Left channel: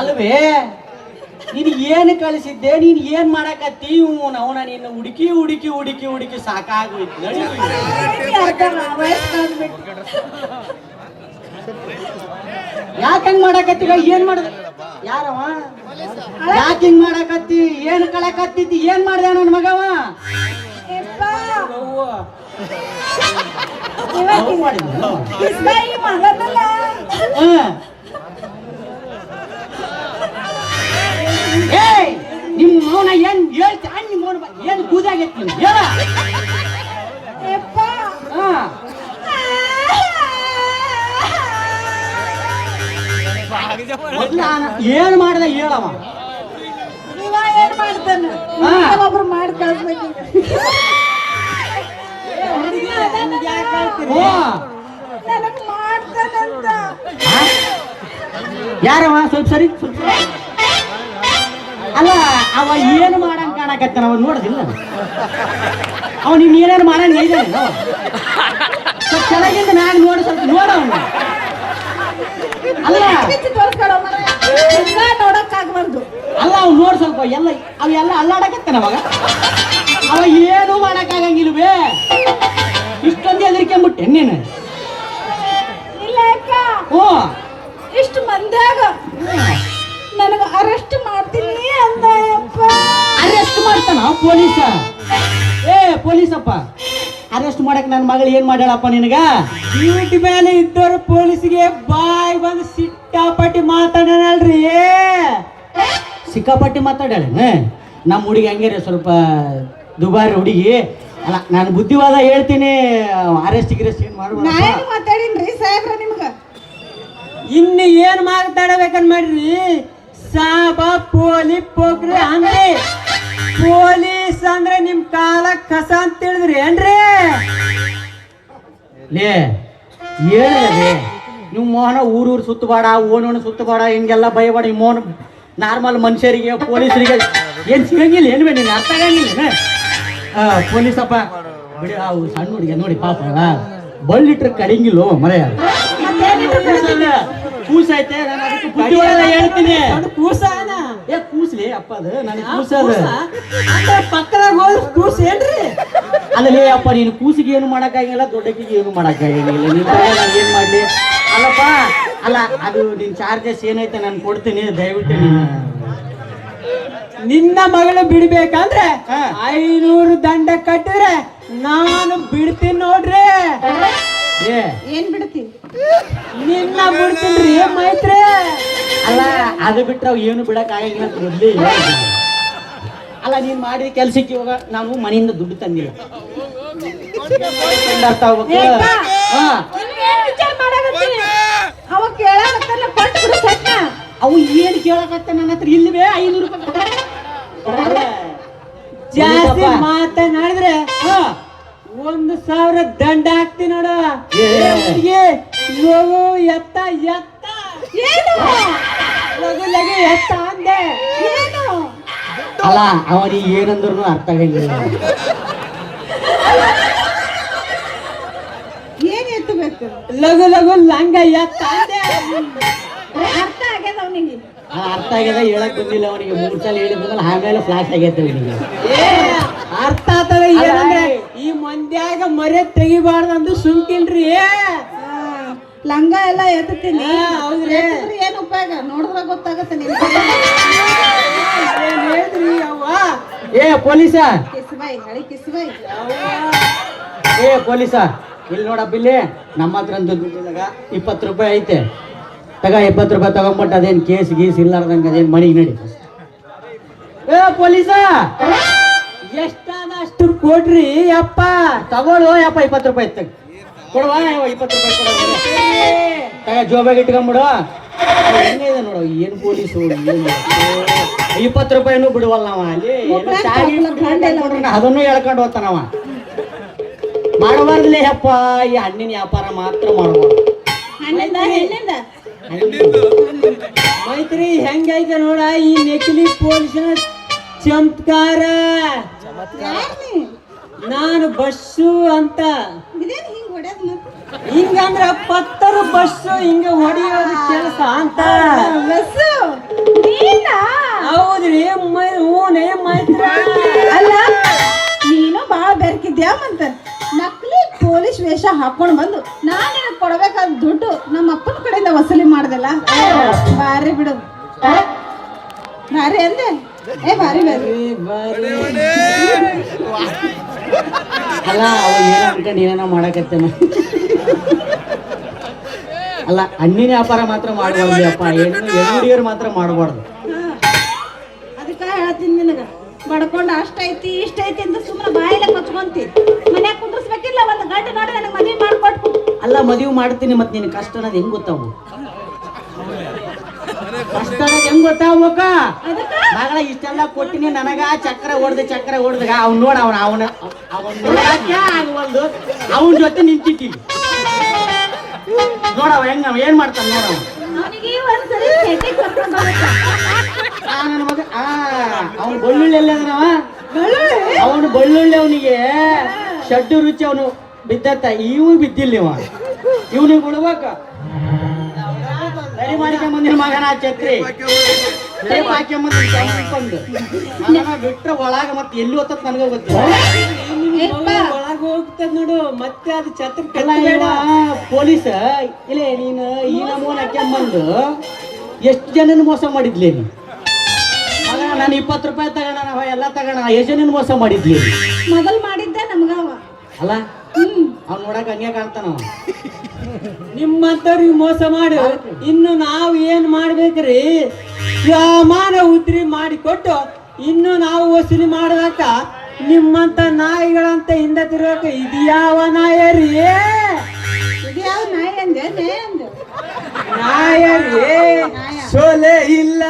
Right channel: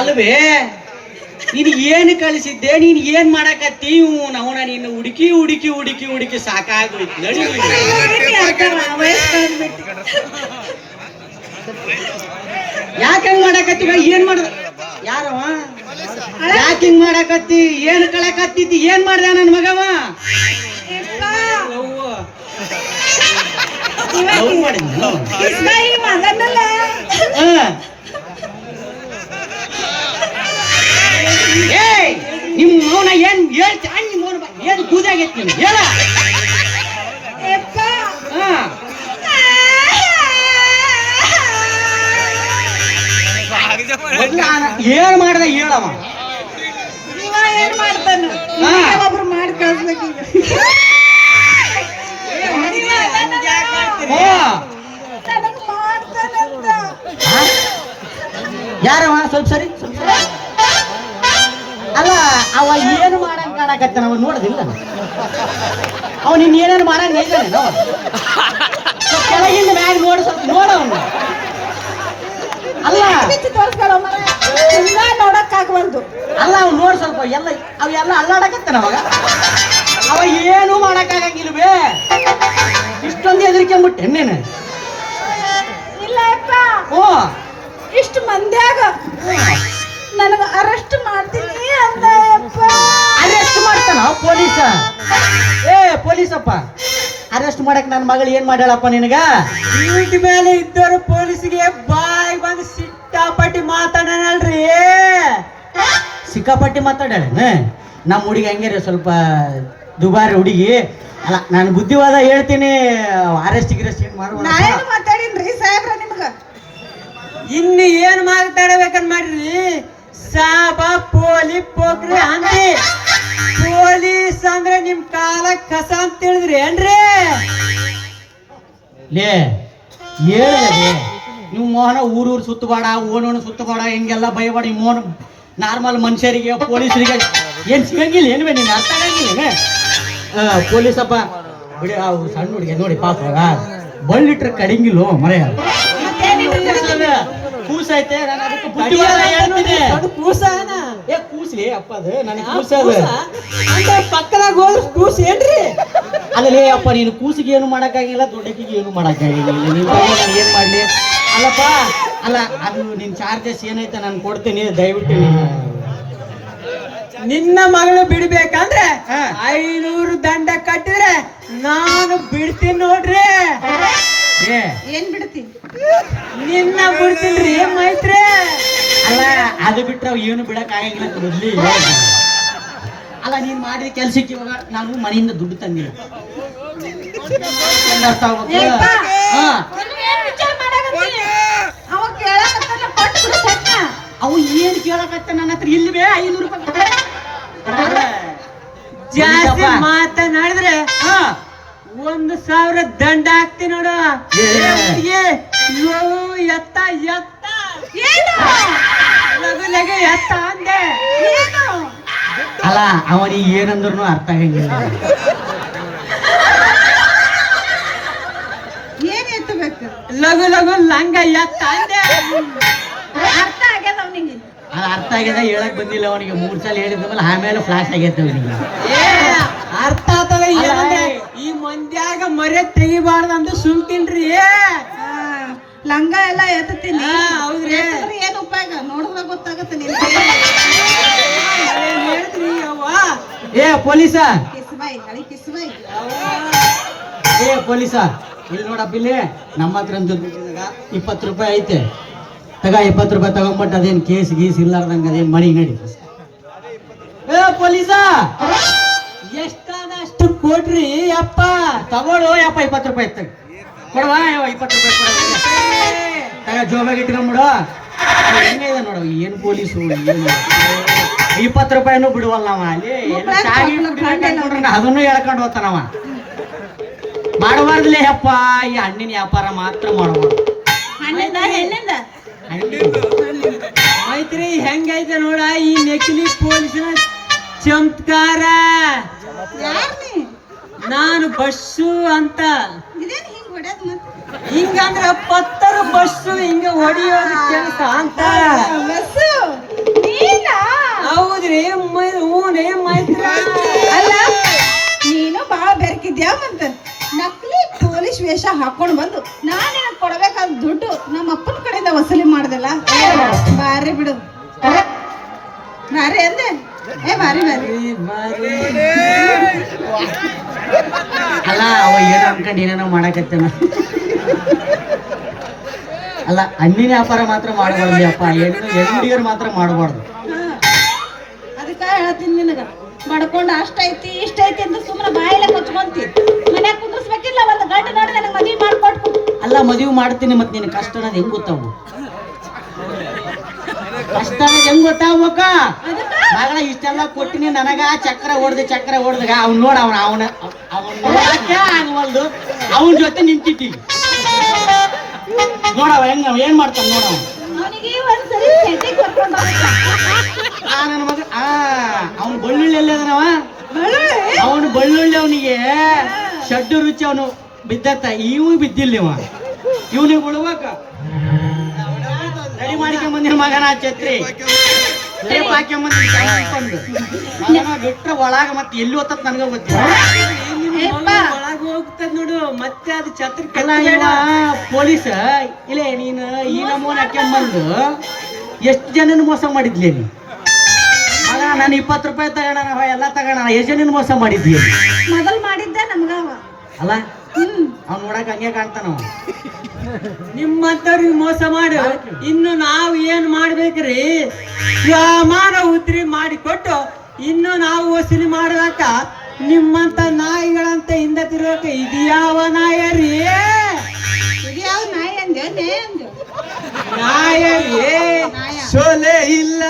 ಅಲ್ವೇ ನೀನು ಏನು ಕಳಿಸಿದ್ದೆ, ನೀನು ಏನ್ ಮಾಡಕತ್ತಿ? ಅವನ ನೀನು ಹುಡುಕಿ ಹುಡುಕಿ ಹುಡುಕಿ ಹುಡುಕಿ ಸಾಕಾಗೋಯ್ತು. ಯಾಕೆ ಹಂಗ್ ಮಾಡಕತ್ತೀಗ? ಏನ್ ಮಾಡ ಯಾರವ? ಯಾಕೆ ಹಿಂಗ್ ಮಾಡಕತ್ತಿ? ಏನ್ ಕಳಕತ್ತಿದ್ದಿ? ಏನ್ ಮಾಡ್ದೆ ನನ್ ಮಗವ? ನಿಮ್ ಮೌನ ಏನ್ ಹೇಳ್ತಾ? ಏನ್ ಕೂದಾಗೈತಿ ಹೇಳ. ಏನ್ ಮಾಡ್ದ ಹೇಳವ? ಒಬ್ರು ಮಾಡಿ ಕಳ್ಸ್ಬೇಕೀಗ. ಯಾರವ? ಸ್ವಲ್ಪ ಸರಿ. ಅಲ್ಲ ಅವ ಏನು ಮಾಡಂಗ್ ಕಾಣಕತ್ತಾನ? ಅವ ನೋಡದಿಲ್ಲ ಅವ ನೀನ್ ಏನೇನು ಮಾಡಂಗ ಇದ್ದಾನೆ. ಸ್ವಲ್ಪ ಕೆಳಗಿಂದ ಮ್ಯಾಗ ನೋಡಿ, ಸ್ವಲ್ಪ ನೋಡವನ್ನ. ಅಲ್ಲ ನೋಡಕ್ಕಾಗಬಾರ್ದು. ಅಲ್ಲ ಅವ್ ನೋಡ್ ಸ್ವಲ್ಪ. ಎಲ್ಲ ಅವೆಲ್ಲ ಅಲ್ಲಾಡಕತ್ತಾನ ಅವಾಗ. ಅವ ಏನು ಮಾಡಕ್ಕಾಗಂಗಿಲ್ವೇ? ಇಷ್ಟೊಂದು ಹೆದರಿಕೆಂಬಿಟ್ಟೆ ನೀನು. ಇಷ್ಟು ಮಂದ್ಯಾಗ ನನಗ ಅರೆಸ್ಟ್ ಮಾಡ್ತೀನಿ ಅಂತ. ಅರೆಸ್ಟ್ ಮಾಡ್ತಾನ ಪೊಲೀಸ? ಪೊಲೀಸಪ್ಪ ಅರೆಸ್ಟ್ ಮಾಡಕ್ ನನ್ನ ಮಗಳು ಏನ್ ಮಾಡ್ಯಾಳಪ್ಪ ನಿನಗ? ಡ್ಯೂಟಿ ಮೇಲೆ ಇದ್ದವರು ಪೊಲೀಸಿಗೆ ಬಾಯ್ ಬಂದು ಸಿಕ್ಕಾಪಟ್ಟಿ ಮಾತಾಡಲ್ರಿ. ಸಿಕ್ಕಾಪಟ್ಟಿ ಮಾತಾಡ್ಯಾಳ ನಮ್ಮ ಹುಡುಗಿ. ಹಂಗಾರೆ ಸ್ವಲ್ಪ ದುಬಾರಿ ಹುಡುಗಿ. ಅಲ್ಲ ನಾನು ಬುದ್ಧಿವಾದ ಹೇಳ್ತೀನಿ. ಅರೆಸ್ಟ್ ಗಿರೆಸ್ಟ್ ಮಾತಾಡಿನ್ರಿ ಸಾಹೇಬ್ರ ನಿಮ್ಗ. ಇನ್ನು ಏನ್ ಮಾತಾಡಬೇಕನ್ ಮಾಡ್ರಿ? ಸಾಬ ಪೋಲಿ ಪೋಕ್ರಿ ಅಂದ್ರಿ. ಪೊಲೀಸ್ ಅಂದ್ರೆ ನಿಮ್ ಕಾಲ ಕಸ ಅಂತ ತಿಳಿದ್ರಿ ಏನ್ರಿ? ಲೇ ಹೇಳಿದ್ರಿ ನಿಮ್ ಮೋಹನ ಊರೂರು ಸುತ್ತಬೇಡ, ಓಣೋಣ ಸುತ್ತಬೇಡ, ಹಿಂಗೆಲ್ಲ ಭಯಬೇಡ. ಈ ಮೋಹನ್ ನಾರ್ಮಲ್ ಮನುಷ್ಯರಿಗೆ ಪೊಲೀಸರಿಗೆ ಏನ್ ಸಿಗಂಗಿಲ್ಲ ಏನ್ವೇ? ನೀನು ಅರ್ಥ ಆಗಂಗಿಲ್ಲ. ಪೊಲೀಸಪ್ಪ ಬಿಡಿ. ಸಣ್ಣ ಹುಡುಗಿ ನೋಡಿ ಪಾಪ ಬಳ್ಳಿಟ್ರೆ ಕಡಿಂಗಿಲ್ಲ ಮರೆಯ. ಕೂಸ ಐತೆ. ನಾನು ಅದಕ್ಕೆ ಬುದ್ಧಿವಾದ ಹೇಳ್ತೀನಿ. ಕೂಸ್ಲಿ ಅಪ್ಪ, ಅದು ನನಗೆ ಕೂಸ ಪಕ್ಕದಾಗ ಕೂಸ್ ಏನ್ರಿ? ಅಲ್ಲೇ ಅಪ್ಪ ನೀನು ಕೂಸಿಗೆ ಏನು ಮಾಡಕ್ಕಾಗಿಲ್ಲ, ದೊಡ್ಡಕ್ಕಿಗೆ ಏನು ಮಾಡಕ್ಕಾಗಿಲ್ಲ. ನೀನ್ ನಾನು ಏನ್ ಮಾಡ್ಲಿ? ಅಲ್ಲಪ್ಪ ಅಲ್ಲ ಅದು ನಿನ್ ಚಾರ್ಜಸ್ ಏನೈತೆ ನಾನು ಕೊಡ್ತೀನಿ. ದಯವಿಟ್ಟು ನಿನ್ನ ಮಗಳು ಬಿಡ್ಬೇಕಂದ್ರೆ 500 ದಂಡ ಕಟ್ಟಿದ್ರೆ ನಾನು ಬಿಡ್ತೀನಿ ನೋಡ್ರಿ. ಏನ್ ಬಿಡ್ತೀನಿ? ನಿನ್ನ ಬಿಡ್ತೀನಿ ಮೈತ್ರಿ. ಅಲ್ಲ ಅದು ಬಿಟ್ರೆ ಏನು ಬಿಡಕ್ ಆಗಿಲ್ಲ ಅಂತ ಮೊದ್ಲೇ. ಅಲ್ಲ ನೀನ್ ಮಾಡಿದ ಕೆಲ್ಸಕ್ಕೆ ಇವಾಗ ನಾನು ಮನೆಯಿಂದ ದುಡ್ಡು ತಂದಿಲ್ಲ. ಅವು ಏನು ಕೇಳಕತ್ತ ನನ್ನ ಹತ್ರ ಇಲ್ವೇ? 500 ರೂಪಾಯಿ ಜಾಸ್ತಿ ಮಾತನಾಡಿದ್ರೆ 1000 ದಂಡ ಹಾಕ್ತೀನಿ ನೋಡು. ಎತ್ತ ಎತ್ತ ಲಗು ಎತ್ತ ಅಂದೆ. ಅಲ್ಲ ಅವನಿಗೆ ಏನಂದ್ರು ಅರ್ಥ ಆಗಂಗಿಲ್ಲ. ಏನ್ ಎತ್ತಬೇಕು? ಲಗು ಲಗು ಲಂಗ ಎತ್ತ ಅಂದೆ. ಅರ್ಥ ಆಗ್ಯದ ಅವನಿಗೆ. ಅರ್ಥ ಆಗ್ಯದ. ಹೇಳಕ್ ಬಂದಿಲ್ಲ ಅವನಿಗೆ. 3 ಸಲ ಹೇಳಿದ್ಮೇಲೆ ಆಮೇಲೆ ಫ್ಲಾಶ್ ಆಗೈತೆ ಅವನಿಗೆ. ಅರ್ಥ ಆಗ್ತದ ಏನಂದ್ರೆ ಈ ಮಂದ್ಯಾಗ ಮರೆ ತೆಗಿಬಾರ್ದು ಅಂದು ಸುಮ್ತಿನ್ರಿ. ಲಂಗ ಎಲ್ಲ ಎತ್ತತೀನಿ. ಹೌದ್ರಿ. ಏನ್ ಉಪಯೋಗ? ನೋಡಿದ್ರೆ ಗೊತ್ತಾಗತ್ತೆ. ಹೇಳಿದ್ರಿ ಅವ್ವ. ಪೊಲೀಸ ಕಿಸ್ಬಾಯಿ ಹಳಿ ಕಿಸ್ಬಾಯಿ. ಪೊಲೀಸ ಇಲ್ಲಿ ನೋಡಪ್ಪ, ಇಲ್ಲಿ ನಮ್ಮ ಹತ್ರ ದುಡ್ಡಿದಾಗ 20 ರೂಪಾಯಿ ಐತೆ. ತಗ 20 ರೂಪಾಯಿ ತಗೊಂಡ್ಬಿಟ್ಟು ಅದೇನ್ ಕೇಸ್ ಗೀಸ್ ಇಲ್ಲಾರ್ದಂಗ ಅದೇನ್ ಮಣಿಗೆ ನಡಿ. ಪೊಲೀಸ ಎಷ್ಟಾದ ಅಷ್ಟು ಕೊಡ್ರಿ ಯಪ್ಪ. ತಗೊಳ್ಳೋ ಯಪ್ಪ 20 ರೂಪಾಯಿ ತಗ ಕೊಡವಾ? 20 ರೂಪಾಯಿ ತಗ ಜೋಬಾಗ ಇಟ್ಕೊಂಡ್ಬಿಡು. ಹೆಂಗಿದೆ ನೋಡ ಏನ್ ಪೊಲೀಸು. 20 ರೂಪಾಯಿನೂ ಬಿಡುವಲ್ಲ ನಾವ. ಅಲ್ಲಿ ಅದನ್ನು ಹೇಳ್ಕೊಂಡು ಹೋಗ್ತಾನವ. ಮಾಡಬಾರ್ದಲೇ ಯಪ್ಪ. ಈ ಹಣ್ಣಿನ ವ್ಯಾಪಾರ ಮಾತ್ರ ಮಾಡಬಾರ್ದು. ಮೈತ್ರಿ ಹೆಂಗೈತೆ ನೋಡ ಈ ನಕಲಿ ಪೊಲೀಸನ ಚಮತ್ಕಾರ. ನಾನು ಬಸ್ಸು ಅಂತ ಹಿಂಗಂದ್ರ 10 ಬಸ್ಸು ಹಿಂಗ ಹೊಡೆಯೋದು ಕೆಲಸ ಅಂತ. ಮೈತ್ರಿ ಮೈತ್ರ ಅಲ್ಲ ನೀನು ಬಾಳ ಬೆರ್ಕಿದ್ಯಾ ಮತ್ತ ನಕಲಿ ಪೊಲೀಸ್ ವೇಷ ಹಾಕೊಂಡ್ ಬಂದು ನಾನು ನಿನಗ್ ಕೊಡ್ಬೇಕಾದ ದುಡ್ಡು ನಮ್ಮ ಅಪ್ಪನ ಕಡೆಯಿಂದ ವಸೂಲಿ ಮಾಡ್ದಲ್ಲ ಬಾರಿ ಬಿಡು ಬಾರಿ ಅಂದೆ ಬಾರಿ ಬಾರಿ ಅಲ್ಲ ಅವ ಏನೋ ಅನ್ಕೊಂಡು ಏನೇನೋ ಮಾಡಕತ್ತೇನ. ಅಲ್ಲ ಹಣ್ಣಿನ ವ್ಯಾಪಾರ ಮಾತ್ರ ಮಾಡಬಾರ್ದು ಅಪ್ಪ, ಹೆಣ್ಣುಡಿಯರು ಮಾತ್ರ ಮಾಡಬಾರ್ದು. ಅದಕ್ಕ ಹೇಳತ್ತೀನಿ ನಿನಗ ಬಡ್ಕೊಂಡ್ ಅಷ್ಟೈತಿ ಇಷ್ಟ ಐತಿ ಅಂತ ಸುಮ್ಮನೆ ಬಾಯಿಲೆ ಕೊಚ್ಕೊಂತಿ ಮನ್ಯಾಗ ಕುಂದ್ರಿಸ್ಬೇಕಿಲ್ಲ ಒಂದು ಗಂಟೆ ನೋಡಿ ನನಗೆ ಮದುವೆ ಮಾಡ್ಕೊಟ್ಕು. ಅಲ್ಲ ಮದುವೆ ಮಾಡ್ತೀನಿ ಮತ್ತೆ ನಿನ್ ಕಷ್ಟ ಅನ್ನೋದು ಹೆಂಗ್ ಗೊತ್ತಾವು? ಕಷ್ಟ ಅನ್ನೋದು ಹೆಂಗ್ ಗೊತ್ತಾಗ್ಬೇಕ? ಮಗಳ ಇಷ್ಟೆಲ್ಲ ಕೊಟ್ಟಿನಿ ನನಗ ಚಕ್ರ ಹೊಡ್ದಾಗ ಅವ್ನ್ ನೋಡ ಅವನ್ ನೋಡಕ್ಕೆ ಆಗವಲ್ದು, ಅವನ ಜೊತೆ ನಿಂತಿದ್ದಿ ನೋಡವ ಹೆಂಗ ಏನ್ ಮಾಡ್ತಾನ ನೋಡವ. ಅವನಿಗೆ ಒಂದ್ಸರಿ ಸೆಟ್ಟಿಗೆ ಕರ್ಕೊಂಡು ನನ್ನ ಮಗ ಅವನು ಬೆಳ್ಳುಳ್ಳಿ ಎಲ್ಲದನವ, ಅವನು ಬೆಳ್ಳುಳ್ಳಿ ಅವನಿಗೆ ಶಡ್ಡು ರುಚಿ ಅವನು ಬಿದ್ದತ್ತ, ಇವು ಬಿದ್ದಿಲ್ಲ ಇವನಿಗೆ ಬಿಡ್ಬೇಕ. ರೆಡಿ ಮಾಡಿಕೊಂಬಂದಿನ ಮಗನ ಛತ್ರಿ ಹಾಕ್ಯಂಬಂದು ಬಿಟ್ರೆ ಒಳಗ ಮತ್ತೆ ಎಲ್ಲಿ ಹೋಗ್ತತ್ ನನಗ ಗೊತ್ತಿಲ್ಲ. ಒಳಗ ಹೋಗ್ತದ ನೋಡು ಮತ್ತೆ ಅದು ಛತ್ರ ಪೊಲೀಸ್ ಇಲ್ಲ ನೀನು ಈ ನಮೂನ್ ಹಾಕ್ಯಂಬಂದು ಎಷ್ಟು ಜನನ ಮೋಸ ಮಾಡಿದ್ಲಿ ನೀ? ಅಲ್ಲ ನಾನು 20 ರೂಪಾಯಿ ತಗೋಣ ಎಲ್ಲ ತಗೋಣ ಎಷ್ಟು ಜನನ ಮೋಸ ಮಾಡಿದ್ವಿ? ಮೊದಲ್ ಮಾಡಿದ್ದ ನಮ್ಗವ ಅಲ್ಲ ಅವ್ನ್ ನೋಡಕ್ ಹಂಗೆ ಕಾಣ್ತಾನ. ನಿಮ್ಮಂತವ್ರಿಗೆ ಮೋಸ ಮಾಡು. ಇನ್ನು ನಾವು ಏನ್ ಮಾಡ್ಬೇಕ್ರಿ? ಪ್ರಮಾಣ ಉದ್ರಿ ಮಾಡಿಕೊಟ್ಟು ಇನ್ನು ನಾವು ವಸೂಲಿ ಮಾಡಲಾಕ ನಿಮ್ಮಂತ ನಾಯಿಗಳಂತ ಹಿಂದೆ ತಿರುಗಕ ಇದ್ಯಾವ ನಾಯ ರೀ? ಇದ್ಯಾವ ನಾಯಿ ಅಂದೆ ನೇ ಅಂದೆ ನಾಯ ರೀ ಸೊಲೆ ಇಲ್ಲ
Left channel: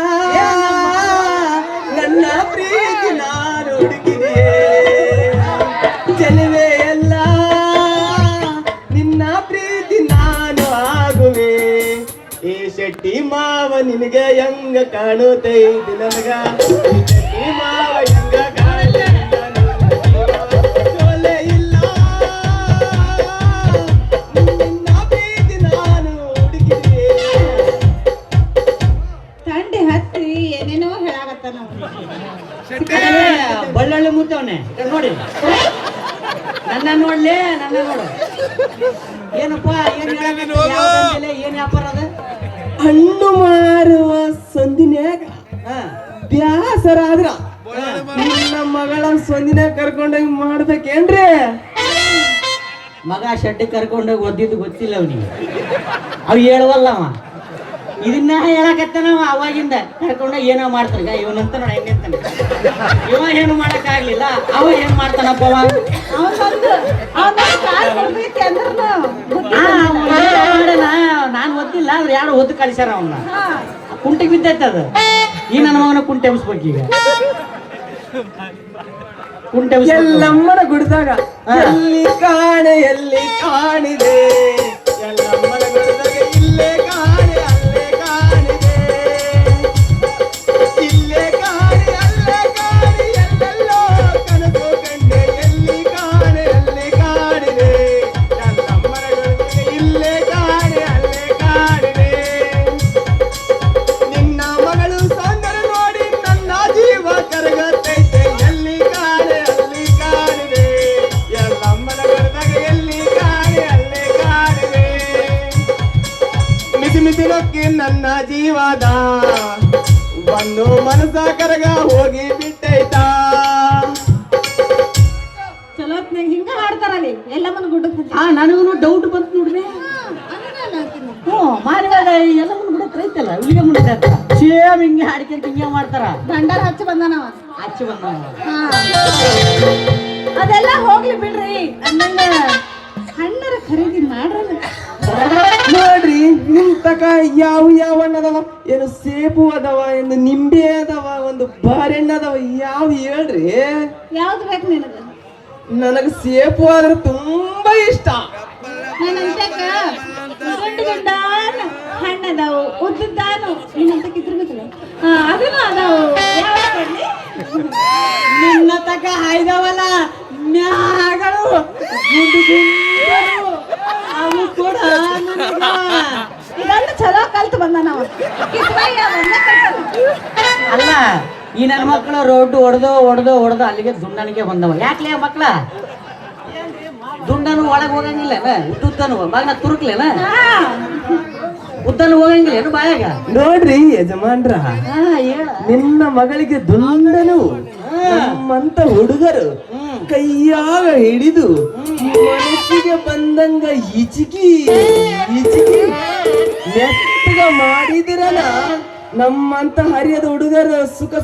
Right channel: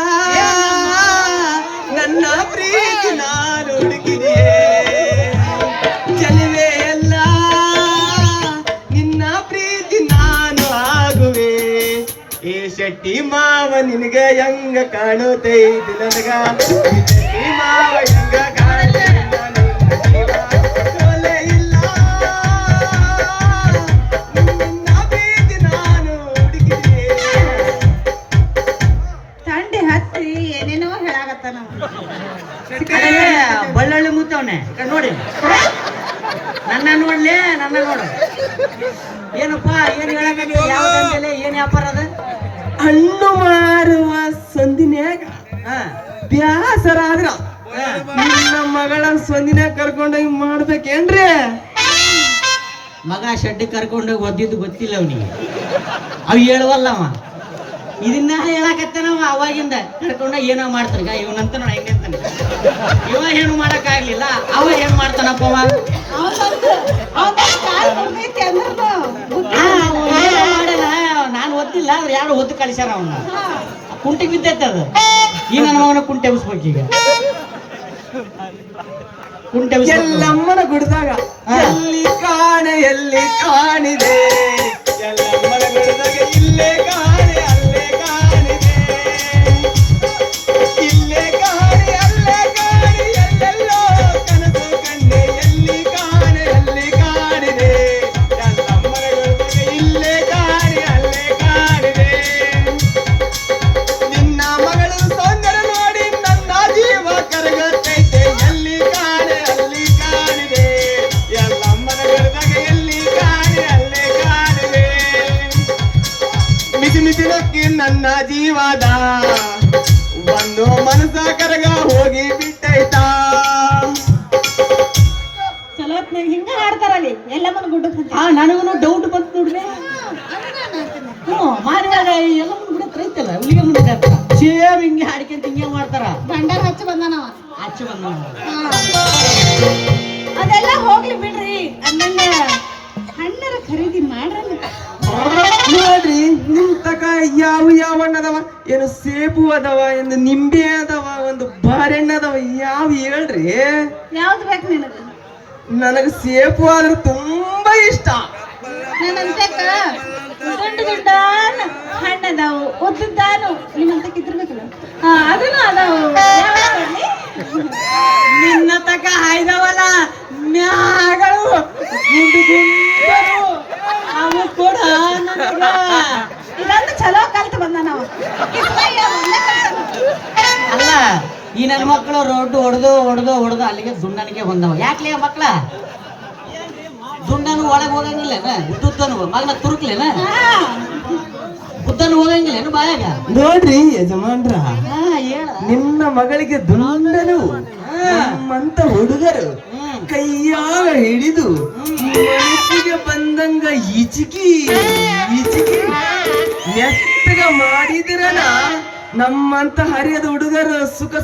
ನನ್ನ ಪ್ರೀತಿ ನಾನು ಹುಡುಕಿದೆಯೇ ಚೆಲುವೆ ಎಲ್ಲ ನಿನ್ನ ಪ್ರೀತಿ ನಾನು ಆಗುವೆ. ಈ ಶೆಟ್ಟಿ ಮಾವ ನಿನಗ ಹೆಂಗ ಕಾಣುತ್ತೈತಿ ನನಗ ಶೆಟ್ಟಿ ಮಾವ ಹೆಂಗ ಕಾಣುತ್ತೈತಿ ಸೊಲೆ ಇಲ್ಲ ನಿನ್ನ ಪ್ರೀತಿ ನಾನು ಹುಡುಕಿದೆಯೇ. ತಂಡಿ ಹತ್ತಿ ಏನೇನೋ ಹೇಳಾಗತ್ತಾನ ಬಳ್ಳೊಳ್ಳಿ ಮುತ್ತವನೆ ನೋಡಿ, ನನ್ನ ನೋಡ್ಲಿ, ನನ್ನ ನೋಡು. ಏನಪ್ಪ ಏನ್ ಹೇಳಕತ್ತಿ? ಯಾವ ದಂಧೆಲೆ ಏನ್ ವ್ಯಾಪಾರ ಅದ? ಹಣ್ಣು ಮಾರುವ ಸಂದಿನ್ಯಾಗ ಬ್ಯಾಸರ ಆದ್ರ ನಿನ್ನ ಮಗಳ ಸಂದಿನ ಕರ್ಕೊಂಡೋಗಿ ಮಾಡ್ಬೇಕೇನ್ರಿ? ಮಗ ಶೆಡ್ಡಿ ಕರ್ಕೊಂಡೋಗಿ ಒದ್ದಿದ್ದು ಗೊತ್ತಿಲ್ಲ ಅವನಿಗೆ, ಅವ್ ಹೇಳುವಲ್ಲವ. ಇದನ್ನ ಹೇಳಕತ್ತೇನವ ಅವಾಗಿಂದ ಕರ್ಕೊಂಡೋಗಿ ಏನೋ ಮಾಡ್ತಾರ ಇವನಂತ ನೋಡಿ ಹೆಂಗಂತಾನೆ. ಇವ ಏನು ಮಾಡಕ್ ಆಗ್ಲಿಲ್ಲ, ಅವ ಏನ್ ಮಾಡ್ತಾನಪ್ಪ ಅವ? ನಾನು ಗೊತ್ತಿಲ್ಲ ಆದ್ರೆ ಯಾರು ಹೊತ್ತು ಕಲಿಸ್ಯಾರ ಅವನ್ನ. ಕುಂಟಿಗೆ ಬಿದ್ದೈತೆ ಅದು. ಈ ನನ್ನ ಮಗನ ಕುಂಟೆ ಎಬ್ಸ್ಬೇಕು ಈಗ. ಕುಂಟೆ ಎಲ್ಲಮ್ಮನ ಗುಡಿದಾಗ ಎಲ್ಲಿ ಕಾಣೆ ಎಲ್ಲಿ ಕಾಣಿದೆ, ಎಲ್ಲಮ್ಮನ ಗುಡಿದಾಗ ಇಲ್ಲೇ ಕಾಣೆ ಅಲ್ಲೇ ಕಾಣಿದೆ, ಇಲ್ಲೇ ಕಾಣೆ ಅಲ್ಲೇ ಕಾಣೆ ಎಲ್ಲೆಲ್ಲೋ ಕನಸು ಕಂಡೆ, ಎಲ್ಲಿ ಕಾಣೆ ಅಲ್ಲಿ ಕಾಣಿದೆ, ಎಲ್ಲಮ್ಮನ ಗುಡಿದಾಗ ಇಲ್ಲೇ ಕಾಣೆ ಅಲ್ಲೇ ಕಾಣಿದೆ. ನಿನ್ನ ಮಗಳು ಸೌಂದರ್ಯ ನೋಡಿ ನನ್ನ ಜೀವ ಕರಗತ್ತೈತೆ, ಎಲ್ಲಿ ಕಾಣೆ ಅಲ್ಲಿ ಕಾಣಿದೆ, ಎಲ್ಲಮ್ಮನ ಗಡದಾಗ ಎಲ್ಲಿ ಕಾಣೆ ಅಲ್ಲೇ ಕಾಣಿದೆ. ಮಿತಿ ಮಿತಿ ನಕ್ಕಿ ನನ್ನ ಜೀವದ ಒಂದು ಮನಸ್ಸ ಕರಗ ಹೋಗಿ ಬಿಟ್ಟೈತಾ. ಚಲೋ ಹಿಂಗ ಹಾಡ್ತಾರಲ್ಲಿ ಎಲ್ಲಮ್ಮನ ಗುಡ್ಡಕ್ಕೆ ನನಗೂ ಡೌಟ್ ಬಂತು ನೋಡ್ರಿ. ಮಾರಿದಾಗ ಎಲ್ಲ ಮುಂದೆ ಐತಲ್ಲ ಇಲ್ಲಿಗೆ ಮುಂದೆ ಸೇಮ್ ಹಿಂಗೆ ಹಾಡ್ಕೊಂತ ಹಿಂಗೆ ಮಾಡ್ತಾರ. ಭಂಡಾರ ಹಚ್ಚಿ ಬಂದಾನವ ಹಚ್ಚಿ ಬಂದ ಅದೆಲ್ಲ ಹೋಗ್ಲಿ ಬಿಡ್ರಿ. ಅನ್ನಂಗ ಹಣ್ಣರ ಖರೀದಿ ಮಾಡ್ರಿ ನೋಡ್ರಿ ನಿಮ್ ತಕ ಯಾವ ಯಾವ ಹಣ್ಣದವ? ಏನು ಸೇಬು ಅದಾವ, ಏನು ನಿಂಬೆ ಅದಾವ, ಒಂದು ಬಾರೆಹಣ್ಣು ಅದಾವ, ಯಾವ ಹೇಳ್ರಿ? ಯಾವ್ದು ಬೇಕು ನಿನಗ? ನನಗೆ ಸೇಬು ಆದ್ರೆ ತುಂಬಾ ಇಷ್ಟ. ನನ್ನಂತಕ ದುಂಡು ದುಂಡಾನ ಹಣ್ಣದಾವು ಉದ್ದಾನು ನಿನ್ನಂತಕ ಇದ್ರಬೇಕಲ್ಲ ಅದನ್ನು ಅದಾವು. ಯಾವ್ದು ಕೊಡ್ಲಿ? ನಿನ್ನ ತಕ ಹಾಯ್ದವಲ್ಲ ಮ್ಯಾಗಳು ಗುಂಡು ಗುಂಡರು ಅವು ಕೂಡ ಇದನ್ನು ಚಲೋ ಕಲ್ತು ಬಂದ ನಾವು ಅಲ್ಲ ಈ ನನ್ನ ಮಕ್ಕಳು ರೋಡ್ ಹೊಡೆದು ಅಲ್ಲಿಗೆ ದುಂಡನಿಗೆ ಬಂದವ. ಯಾಕ್ಲೇ ಮಕ್ಕಳ ದುಂಡನು ಒಳಗೆ ಹೋಗಂಗಿಲ್ಲ ಉದ್ದನು ಮಗನ ತುರುಕ್ಲೇನ ಉದ್ದನು ಹೋಗಂಗಿಲ್ಲ ಬಾಯಾಗ. ನೋಡ್ರಿ ಯಜಮಾನ್ರ, ಹೇಳ ನಿನ್ನ ಮಗಳಿಗೆ ದುಂಡನು ನಮ್ಮಂತ ಹುಡುಗರು ಕೈಯಾಗ ಹಿಡಿದು ಮನಸ್ಸಿಗೆ ಬಂದಂಗ ಈಚಿಕಿ ಮೆತ್ತಗ ಮಾಡಿದ್ರನ ನಮ್ಮಂತ ಹರಿಯದ ಹುಡುಗರು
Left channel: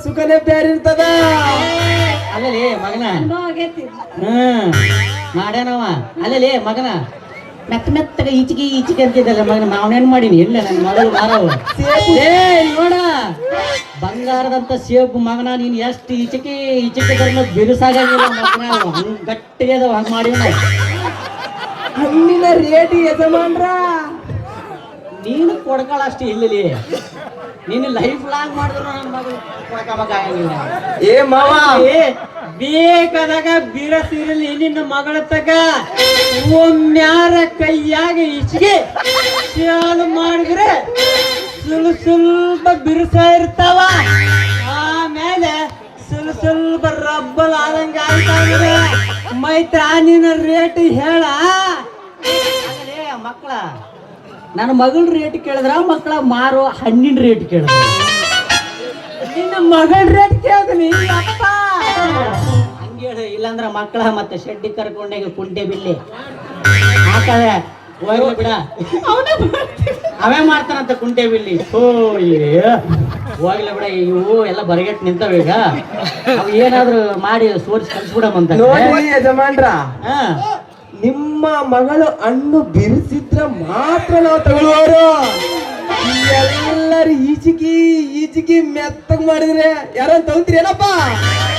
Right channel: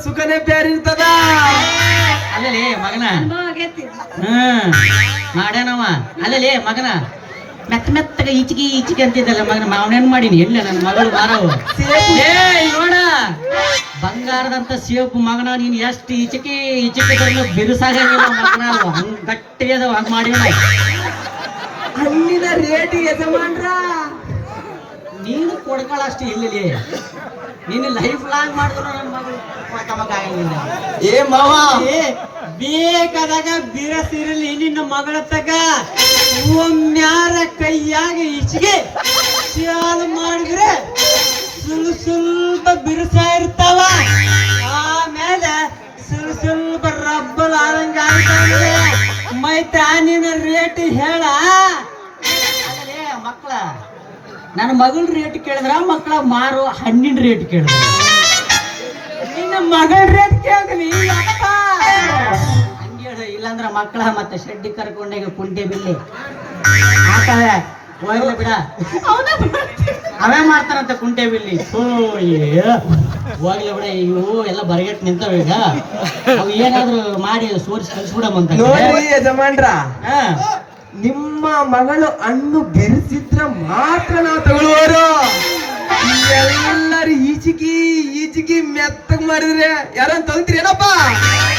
ಸುಖನೇ ಬೇರಿರ್ತದ. ಅಲ್ಲಲೇ ಮಗನ ಅನುಭವ ಆಗೈತಿ. ಮಾಡ್ಯಾನವ. ಅಲ್ಲಲೇ ಮಗನ ಮೆತ್ತಗ ಈಚಿಕೆ ಅಂತಿದ್ದಲ್ಲ ಮಗನ ಮಾವನೇನ್ ಮಾಡೀನಿ ಎಲ್ಲ ನನ್ನ ಮಗಳು ಮಾರವ. ನೋಡ ಬಂಗಾರದಂತ ಸೇಬು ಮಗನ ನೀನ್ ಎಷ್ಟು ಈಚಿಕೆ ಬಿರುಸಾಗಿಲ್ಲ ಮಗನ, ಹಂಗ ಗಟ್ಟಿಗೆ ಅದಾವ ಹಂಗ ಮಾಡಿ ಹಣ್ಣಿನ ರೇಟ್ ಯಜಮಾನ್ರ ನೀನು ಕೊಡ್ಕೊಳ್ಳಷ್ಟು ಇಲ್ಲಿ ನೀನು ಲೈಫ್ ಲಾಂಗ್ ಮಾಡಿದ್ರು ನನ್ನ ಮಗಳು ಕೊಡ್ಕೋಬೇಕಾಗಿಲ್ಲ. ಏ ಮಾವ ಬೇಕಾದಾಗ ಬಿರಸಿರಲಿ ನಿನ್ನ ಮಗಳ ತಗ ಒಮ್ಮ್ಯಾರ ಕೈಯಾಗ ಈಚೆಗೆ ಸಾಲು ಮಾಡಿದ್ರೆ ಸ್ವಲ್ಪ ಬಿರುಸ ಇರ್ತಾವ, ಆಮೇಲೆ ಸ್ವಲ್ಪ ರಬ್ಬಲ್ ಆದಂಗ ಆಗ್ತಾವ್ರೆ. ಮೈತ್ರ ನಿನ್ನ ರೇಟ್ ಹೇಳ. ಮಕ್ಕಳ ನನ್ನ ಮಗಳ ರೇಟ್ ಕೇಳಿದ್ರ ಮಕ್ಕಳ ಮಾರೋ ಹಣ್ಣಿನ ರೇಟ್ ಕೇಳಿದ್ರ ನಿನ್ನ ಮಗಳ ರೇಟ್ ಕೇಳ್ತೀನಿ ಹಂಗೇಳು. ಇಲ್ಲಾಂದ್ರ ಮಕ್ಕಳ ಮತ್ತೆ ಶೆಡ್ಡಿ ಕರ್ಕೊಂಡಾಗ ಕುಂಟೆ ಬಿಲ್ಲಿ ಹಾಕದ ಹೋಗ್ಲಿ ಬಿಡ, ಅವೇ ಮಾಡ್ತಾರಂತ ಕುಂಟೆ ಬಿಲ್ಲಿ. ಹೋಗ್ಲಿ ಬಿಡ, ಇವು ಎಲ್ಲ ಬರಗೆಟ್ ನಿಂತಾವ. ಈಗ ಅವು ಏನಾದ್ರು ಮಾಡಿ ಸೋರ್ಸ್ ಕಳ್ಸ್ಬಿಡಮಂತ. ನೋಡ್ರಿ ಯಜಮಾನ್ರ, ನಿಮ್ಮ ಮಗಳು ಹಣ್ಣು ಬಿರಿಸಿದ್ರ ಮಾತ್ರ ನಾವು ತಗೊಳ್ಳೋರು. ಎಲ್ಲರೂ ಈಚಿಕಿ ಮೆತ್ತಗ್ ಮಾಡಿದ್ರೆ ಯಾರನ್ನ ತಗೊಂತೀರಿ ಏನಪ್ಪ?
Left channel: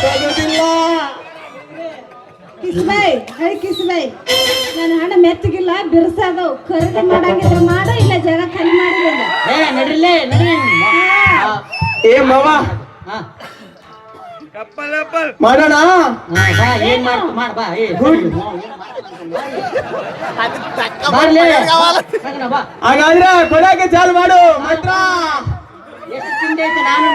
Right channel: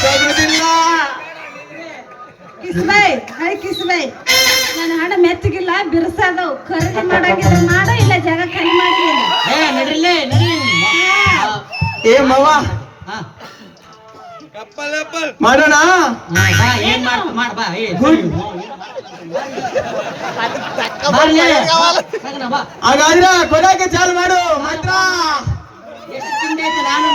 ತಗೋದಿಲ್ಲ. ಕಿಸ್ಬೈ ನನ್ನ ಹಣ್ಣು ಮೆತ್ತಗಿಲ್ಲ ಬಿರ್ಸದವು. ಖರೀದಿ ಮಾಡಾಕಿದ್ರೆ ಮಾಡ, ಇಲ್ಲ ಜಾಗ ಖಾಲಿ ಮಾಡಿಲ್ಲ. ನಡ್ರಿಲೇ ನಡ್ರಿ. ಏ ಮಾವ ಮಾಡೋಣ. ಬಾ ಏನ್ ಮಾಡ್ತು ಮಾಡ ಬಾ. ಬರ್ಲೇ ಬಾ. ಹಾಗಾದ್ರೆ ಕೊಡಕ್ಕೆ ಚಾಲು ಮಾಡು ಮಾತ್ರ. ಎಷ್ಟು ತಿಂಡಿ ಐತೆ ನಾನು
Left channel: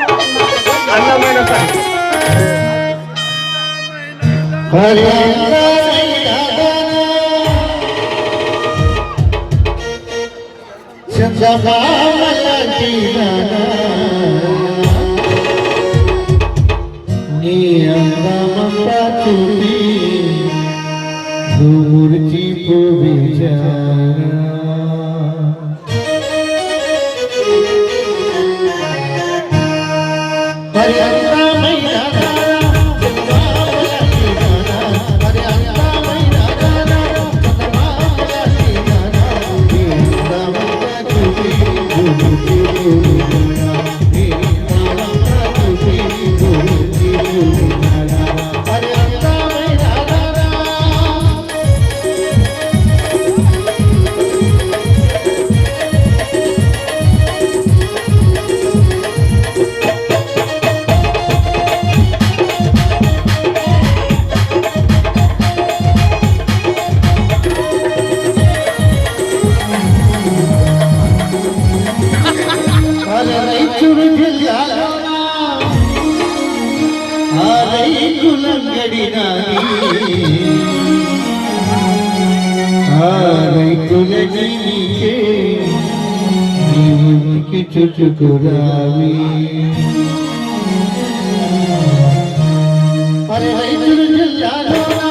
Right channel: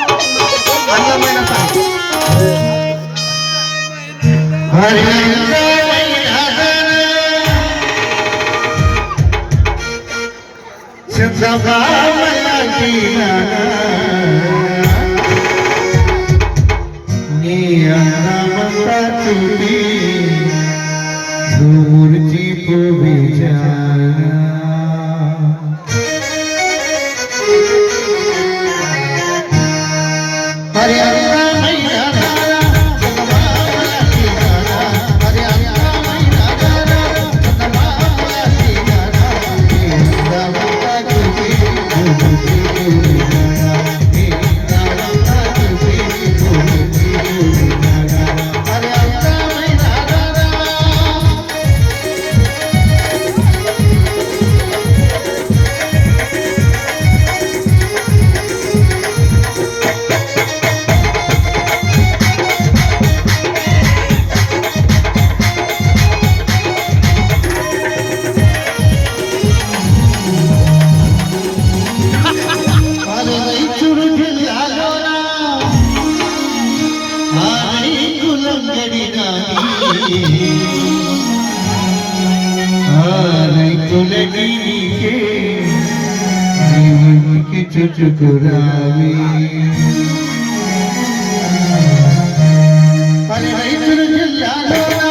दूरची विचार चुचुकुरावी अरे रैतुलु जिल्लालोना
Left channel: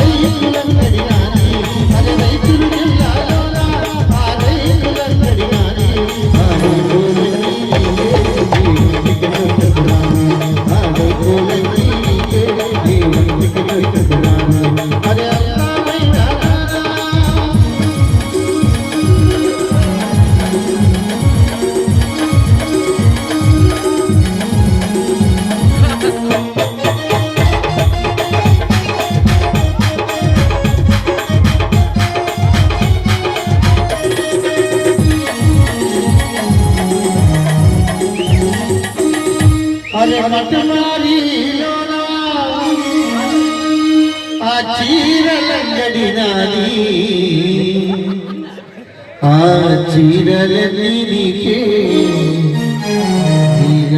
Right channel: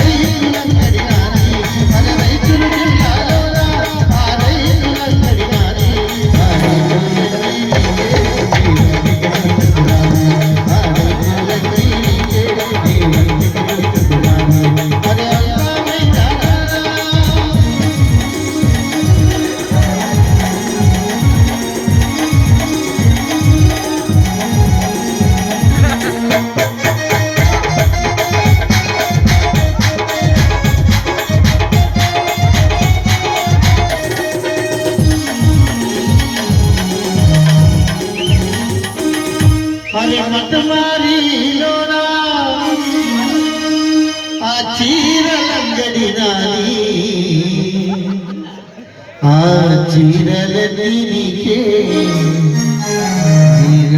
రైతులందరినాని అరే రైతులు జిల్లాలోన ఆ రైతులందరినాని అరే మటమారిలోనా ఆ చీరలంగడి నాది ఆ చీరలన్నీ నీకే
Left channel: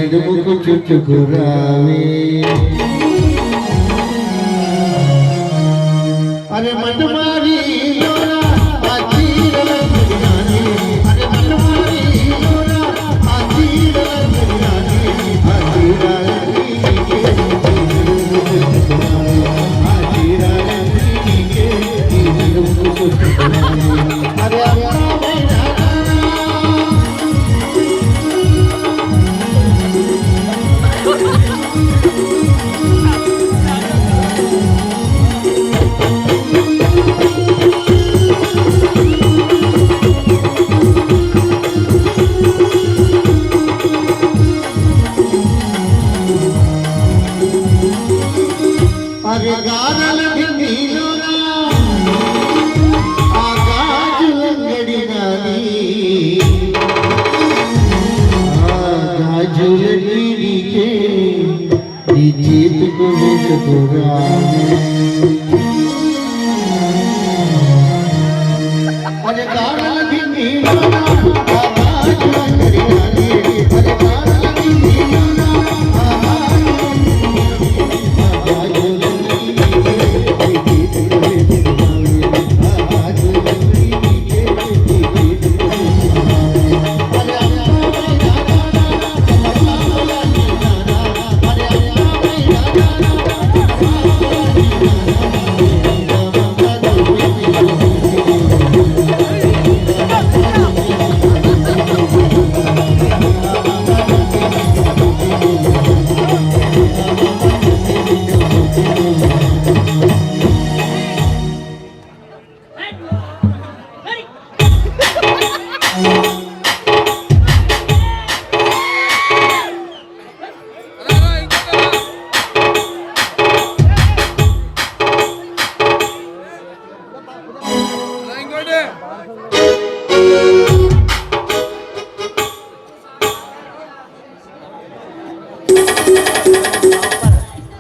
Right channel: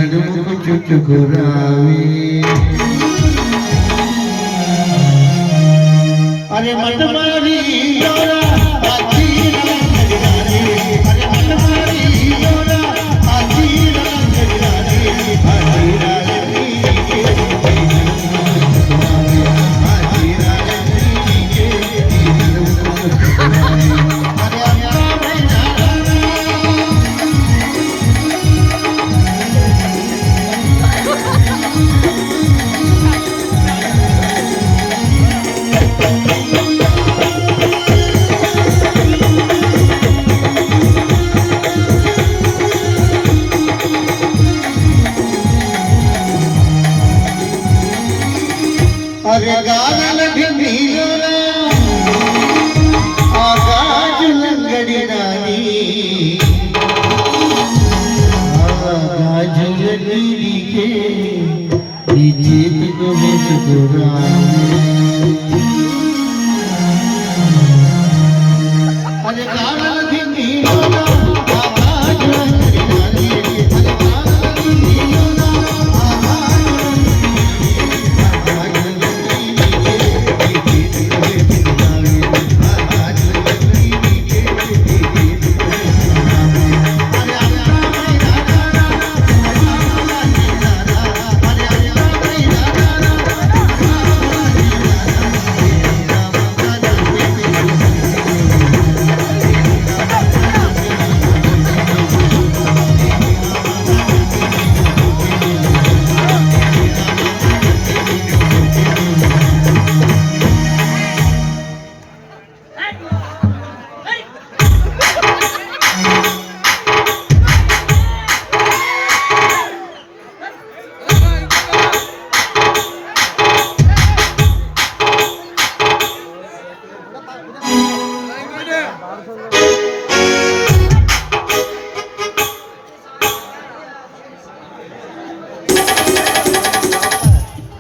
నడుముకు చుట్టుకురావే అరే మటమారి లోరా ఆ చీరలంగడి నాది అరే మటమారి లోరా ఆ చీరలంగడి నాది ఆ చీరలంగడి నీకే ఆ చీరలంగడి నీకే ఈ నడుముకు చుట్టుకురావే అరే అరే గానాల ఢిల్లీలోనా ఆ గాజులంగడి నాది ఆ గాజులన్నిటికే నీ చేతుకు వేసుకురావే అరే గానాల ఢిల్లీలోనా ఆ గాజులంగడి నాది అరే గానాల ఢిల్లీలోనా